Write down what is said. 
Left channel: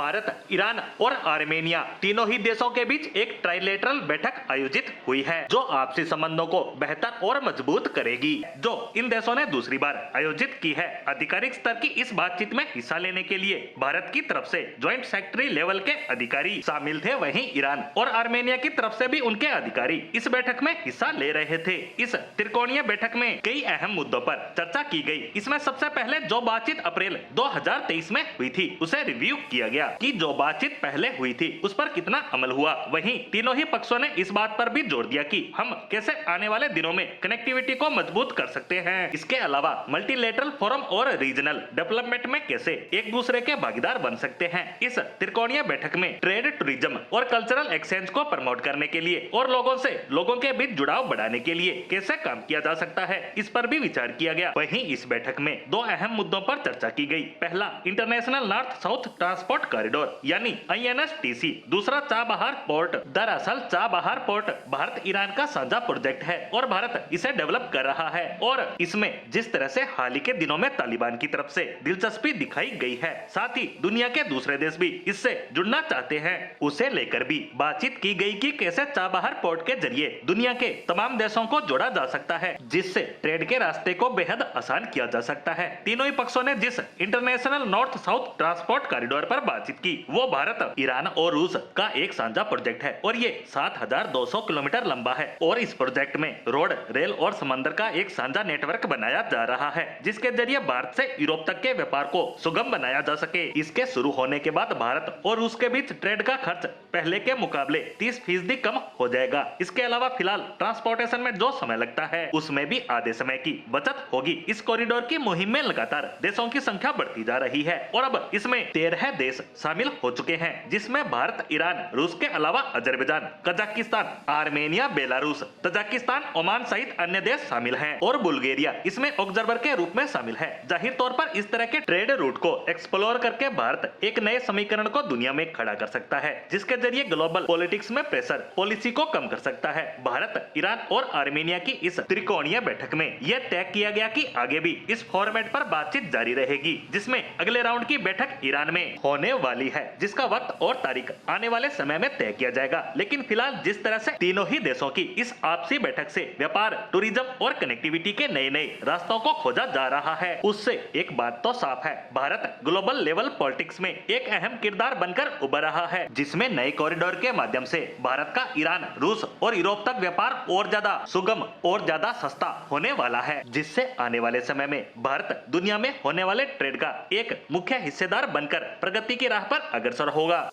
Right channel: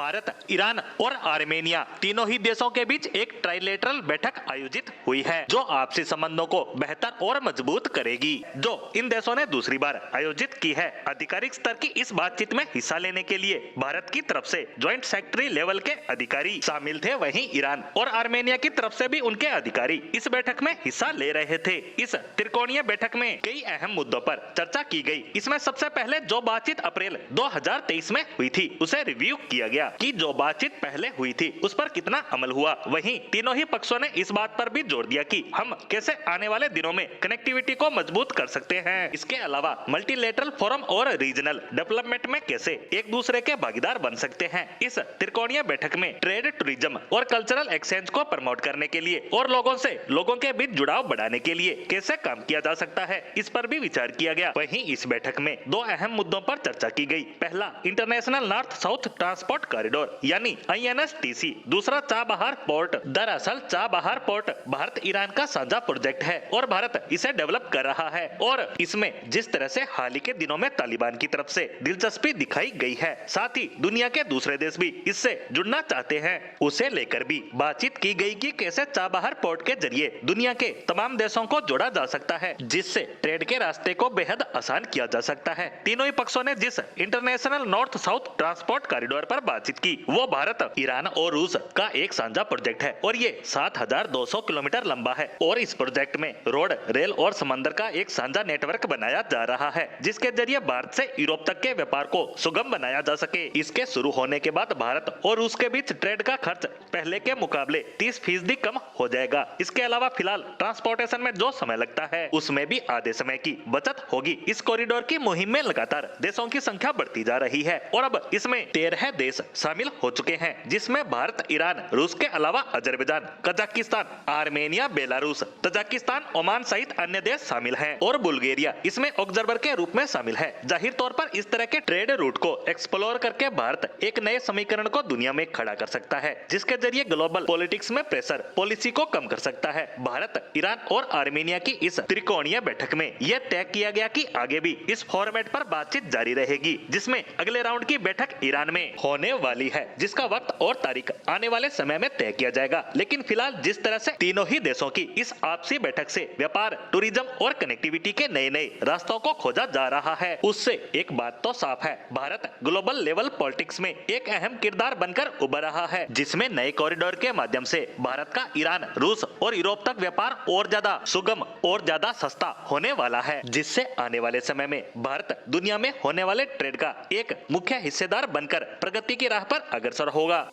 Bharat, Iran और Armenia तीनों ही देशों के बीच एक ट्राइलेटरल बैठक आयोजित हुई है जो आपसी संबंधों को बेहतर और मजबूत करेगी, जो इन देशों ने दूसरी बार आयोजित की है। आधिकारिक स्तर की इस बातचीत में हिस्सा लेने के लिए भारत की तरफ से ज्वाइंट सेक्रेटरी लेवल के अधिकारी शामिल थे, वहीं ईरान और आर्मेनिया की तरफ से भी उनके अधिकारी इस बैठक में हिस्सा ले रहे थे। इस त्रिकोणीय बैठक में कई अहम मुद्दों पर चर्चा की गई। इसमें सबसे पहले जो बातचीत अप्रैल 2023 में हुई थी उसे रिव्यू किया गया कि जो बातचीत पहले हुई थी उस पर कितना अमल हुआ। वहीं तीनों ही पक्षों ने इस बात पर भी जोर दिया कि हम कैसे आने वाले दिनों में कनेक्टिविटी को मजबूत कर सकते हैं। इसके अलावा मल्टीलेटरल फोरम और रीजनल डेवलपमेंट में कैसे एक दूसरे के भागीदार बन सकते हैं। इस त्रिकोणीय बैठक में ट्रेड, टूरिज्म और कल्चरल एक्सचेंज को प्रमोट करने के लिए और लोगों के बीच जुड़ाव बढ़ाने के लिए कैसे काम किया जा सकता है, इस पर भी विचार किया गया। वहीं इस बैठक में दो अहम मुद्दों पर चर्चा की गई। पहला, international north south transport corridor यानी INSTC। दूसरा, चाबहार पोर्ट। दरअसल चाबहार पोर्ट भारत ईरान का साझा प्रोजेक्ट है और भारत इसे डेवलप कर रहा है, और इसमें जिस तरह से हाल ही के दिनों में तालिबान की तरफ से दिलचस्पी दिखाई गई है, साथ ही दुनिया के दूसरे देश भी इससे जुड़ना चाहते हैं, उसे लेकर भी बातचीत की गई कि कैसे चाबहार पोर्ट के जरिए दुनिया के तमाम देशों को जोड़ा जा सकता है, जिससे ट्रेड के रास्ते को बेहद आसान किया जा सकता है। तीनों ही पक्षों ने जिस international north south transport corridor पर बातचीत की वो भारत, ईरान और रूस का एक साझा प्रोजेक्ट है और ये 7200 किलोमीटर लंबा है, और इस प्रोजेक्ट में रोड, रेल और समंदर का एक साझा नेटवर्क बनाया जा रहा है, जिसके जरिए भारत से यूरोप तक के व्यापार को सुगम बनाया जा सके। इसके शुरू होने के बाद भारत और रूस के बीच ट्रेड का खर्च पहले के मुकाबले 30% कम हो जाएगा। इसके अलावा फिलहाल ट्रांसपोर्टेशन में जो समय लगता है उसमें भी आधे समय की बचत होगी। इस कॉरिडोर की मुहिम में लगातार देशों की संख्या बढ़ती जा रही है और अब इसमें 13 देश शामिल हो चुके हैं, जिसमें भारत, ईरान, रूस के अलावा Azerbaijan, Kazakhstan, Armenia, Belarus, Tajikistan, Oman सहित अन्य देश शामिल हैं और बुल्गारिया इसमें ऑब्जर्वर के रूप में शामिल है। जाहिर तौर पर इस तरह के ट्रेड रूट को एक्सप्लोर करके भारत एक नए समीकरण को दुनिया में खड़ा कर सकता है, जिसके जरिए ग्लोबल पॉलिटिक्स में प्रेशर पॉलिसी को कम कर सकता है। भारत, ईरान और आर्मेनिया की इस त्रिकोणीय बैठक में यह तय किया गया कि आगे भी इस फॉर्मेट पर बातचीत जारी रहेगी, जिसमें अगले राउंड की बैठक ईरान में होने वाली है, जिसका वक्त और तारीख आने वाले समय में तय किया जाएगा। लेकिन फिलहाल जिस तरह से तीनों ही देशों की इस आपसी बैठक से व्यापार, टूरिज्म और कनेक्टिविटी के नए नए रास्तों को खोजा जा रहा है, उससे एक बात तो साफ है, भारत ग्लोबल लेवल पॉलिटिक्स में एक अहम किरदार बनकर उभर रहा है, जिसमें नए कॉरिडोर के माध्यम से भारत का ईरान, रूस और यूरोप तक व्यापार और ज्यादा सुगम और ज्यादा सस्ता होने वाला है, जिससे आने वाले समय में भारत दुनिया में होने वाले ट्रेड का एक मुख्य हिस्सेदार बनकर प्रगति की राह पर अग्रसर होगा।